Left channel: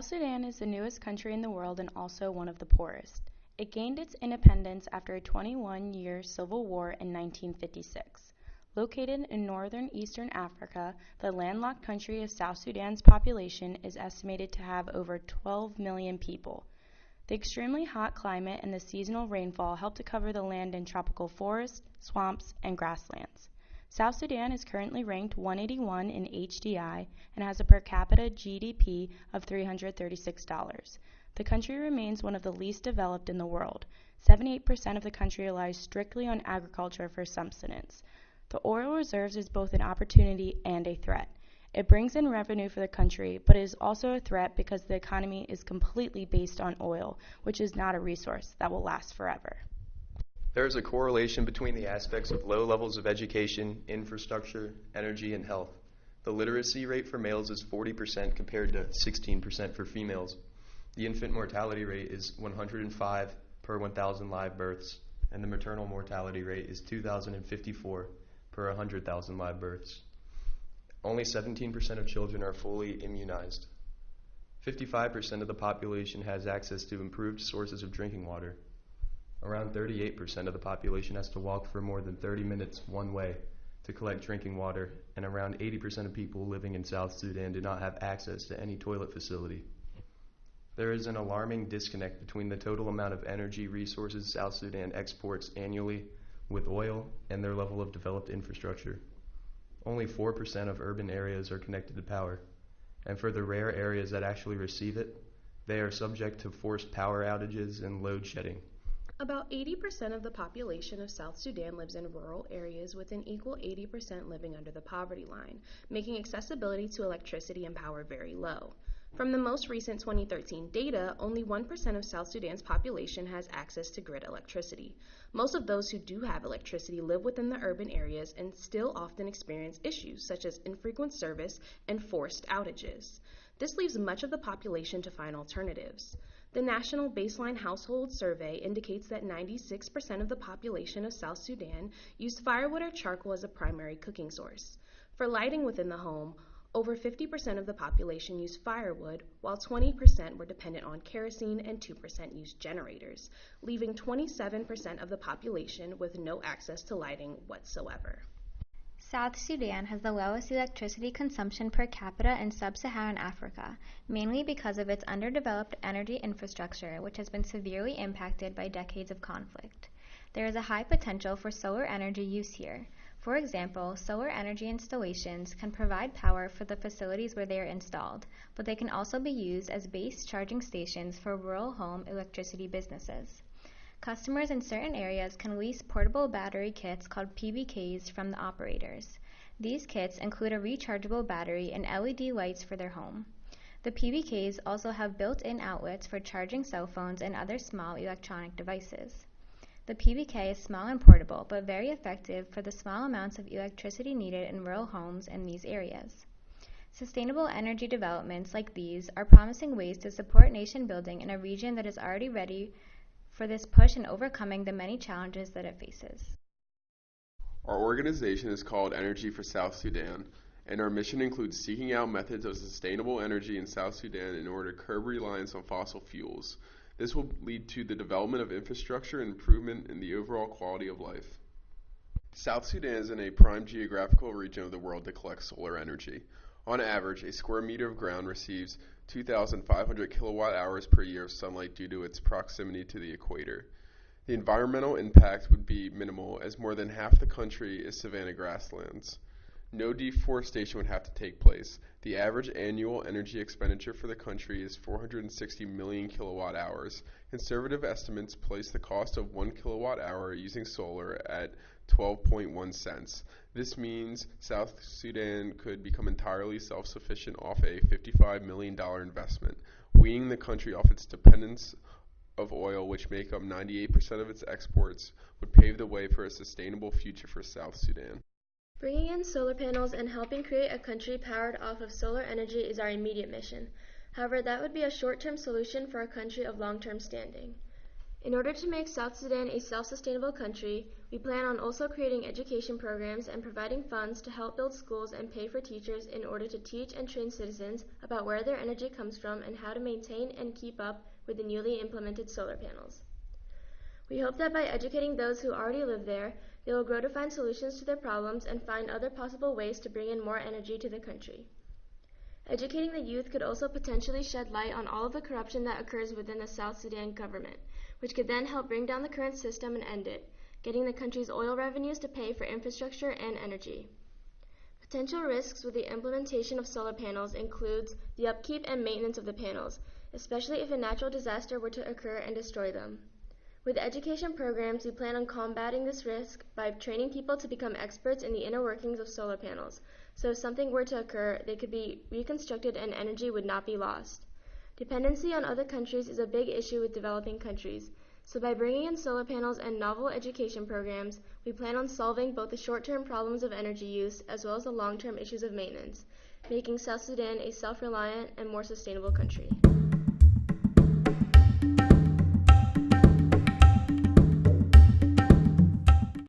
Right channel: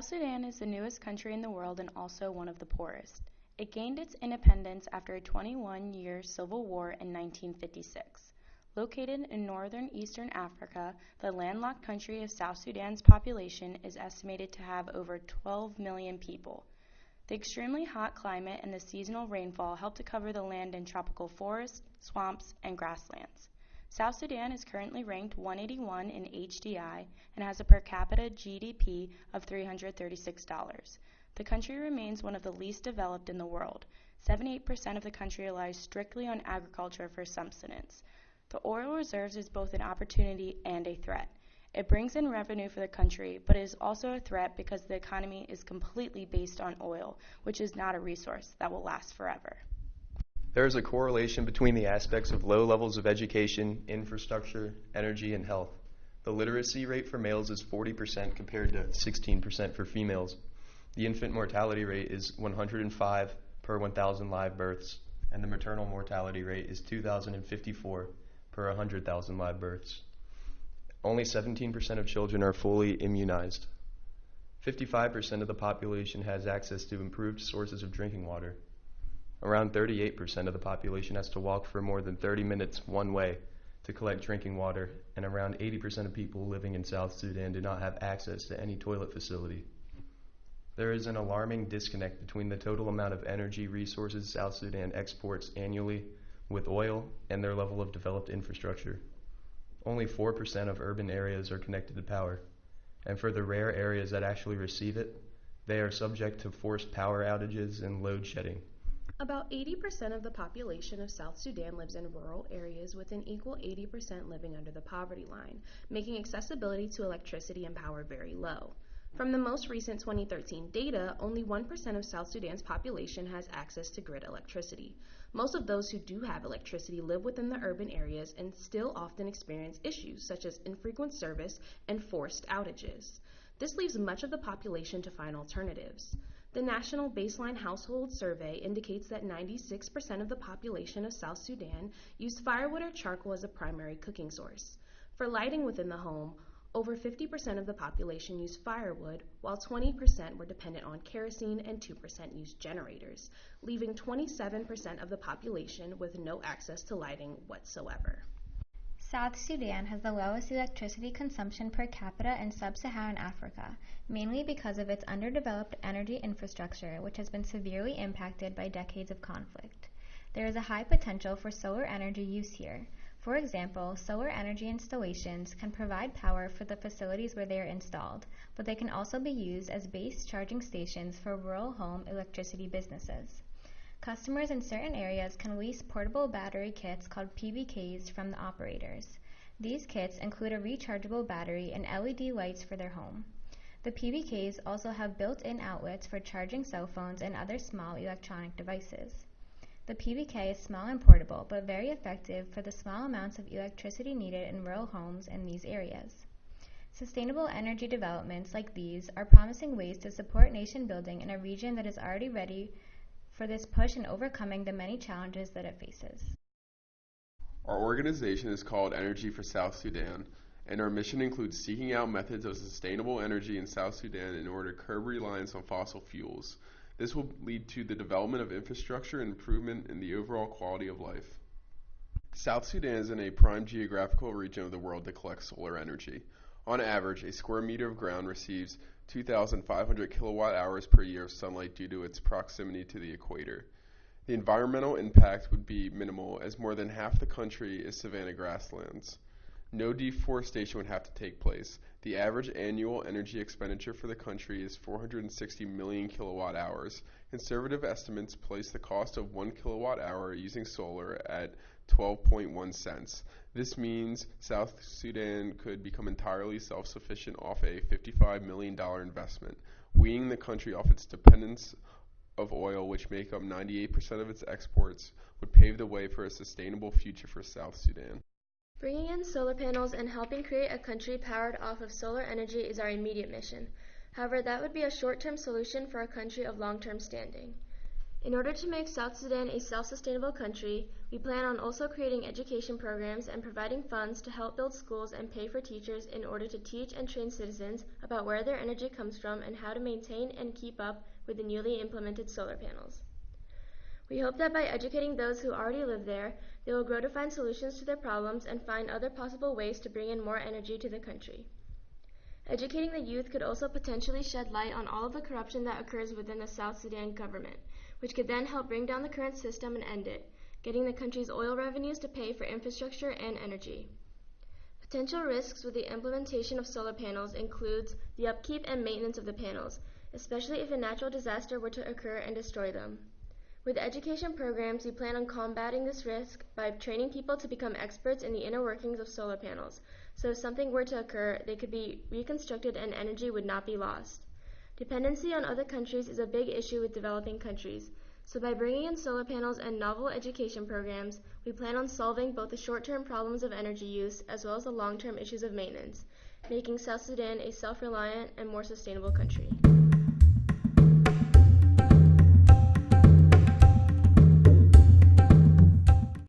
South Sudan is the newest country in the world and also one of the poorest. It gained its independence after a 21-year civil war in 1956. Located in northern eastern Africa, the landlocked country of South Sudan's population is estimated to have over 12 million people. The extremely hot climate and the seasonal rainfall help to cover the land in tropical forests, swamps, and grasslands. South Sudan is currently ranked 181 in HDI and has a per capita GDP of $336. The country remains one of the least developed in the world. 78% of the country relies strictly on agriculture for subsistence. The oil reserves is both an opportunity and a threat. It brings in revenue for the country, but it is also a threat because the economy is completely based on oil, which is not a resource that will last forever. There is a correlation between the aspects of low levels of education, infrastructure, energy, and health. The literacy rate for males is 40% compared to 16% for females. The infant mortality rate is 105 per 1,000 live births, and the maternal mortality rate is 2,054 per 100,000 live births. Only 17% of children are fully immunized. 55% of the population has access to improved sources of drinking water. Around 38% of the population has to walk for more than 30 minutes one way to collect drinking water, and around 80% of people living in South Sudan do not have access to any toilet facility. There is an alarming disconnect between the total amount of energy resources South Sudan exports annually with oil and their level of developed infrastructure. Only 4% of urban areas are connected to power, and for the rare areas that actually receive it, they are subject to forced power outages and load shedding. About 80% of the population of South Sudan lives in rural areas, with an equal 80% living under the poverty line, making accessibility to electricity and power very low. From the most recent 2013 data, only 1% of South Sudan's population has access to grid electricity. Most of those who do have electricity live within the urban areas and still often experience issues such as infrequent service and forced outages. This leaves much of the population to find alternatives. The National Baseline Household Survey indicates that 96% of the population of South Sudan use firewood or charcoal as a primary cooking source. For lighting within the home, over 50% of the population used firewood, while 20% were dependent on kerosene and 2% used generators, leaving 27% of the population with no access to lighting whatsoever. South Sudan has the lowest electricity consumption per capita in sub-Saharan Africa, mainly because of its underdeveloped energy infrastructure, which has been severely impacted by decades of conflict. There is a high potential for solar energy use here. For example, solar energy installations can provide power for the facilities where they are installed, but they can also be used as base charging stations for rural home electricity businesses. Customers in certain areas can lease portable battery kits called PBKs from the operators. These kits include a rechargeable battery and LED lights for their home. The PBKs also have built-in outlets for charging cell phones and other small electronic devices. The PBK is small and portable, but very effective for the small amounts of electricity needed in rural homes in these areas. Sustainable energy developments like these are promising ways to support nation building in a region that is already ready for this push in overcoming the many challenges that it faces. Our organization is called Energy for South Sudan, and our mission includes seeking out methods of sustainable energy in South Sudan in order to curb reliance on fossil fuels. This will lead to the development of infrastructure and improvement in the overall quality of life. South Sudan is in a prime geographical region of the world to collect solar energy. On average, a square meter of ground receives 2,500 kilowatt hours per year of sunlight due to its proximity to the equator. The environmental impact would be minimal, as more than half the country is savanna grasslands. No deforestation would have to take place. The average annual energy expenditure for the country is 460 million kilowatt hours. Conservative estimates place the cost of 1 kilowatt hour using solar at 12.1 cents. This means South Sudan could become entirely self-sufficient off a $55 million investment. Weaning the country off its dependence of oil, which make up 98% of its exports, would pave the way for a sustainable future for South Sudan. Bringing in solar panels and helping create a country powered off of solar energy is our immediate mission. However, that would be a short-term solution for a country of long-term standing. In order to make South Sudan a self-sustainable country, we plan on also creating education programs and providing funds to help build schools and pay for teachers in order to teach and train citizens about where their energy comes from and how to maintain and keep up with the newly implemented solar panels. We hope that by educating those who already live there, they will grow to find solutions to their problems and find other possible ways to bring in more energy to the country. Educating the youth could also potentially shed light on all of the corruption that occurs within the South Sudan government, which could then help bring down the current system and end it, getting the country's oil revenues to pay for infrastructure and energy. Potential risks with the implementation of solar panels includes the upkeep and maintenance of the panels, especially if a natural disaster were to occur and destroy them. With education programs, we plan on combating this risk by training people to become experts in the inner workings of solar panels, so if something were to occur, they could be reconstructed and energy would not be lost. Dependency on other countries is a big issue with developing countries, so by bringing in solar panels and novel education programs, we plan on solving both the short-term problems of energy use as well as the long-term issues of maintenance, making South Sudan a self-reliant and more sustainable country.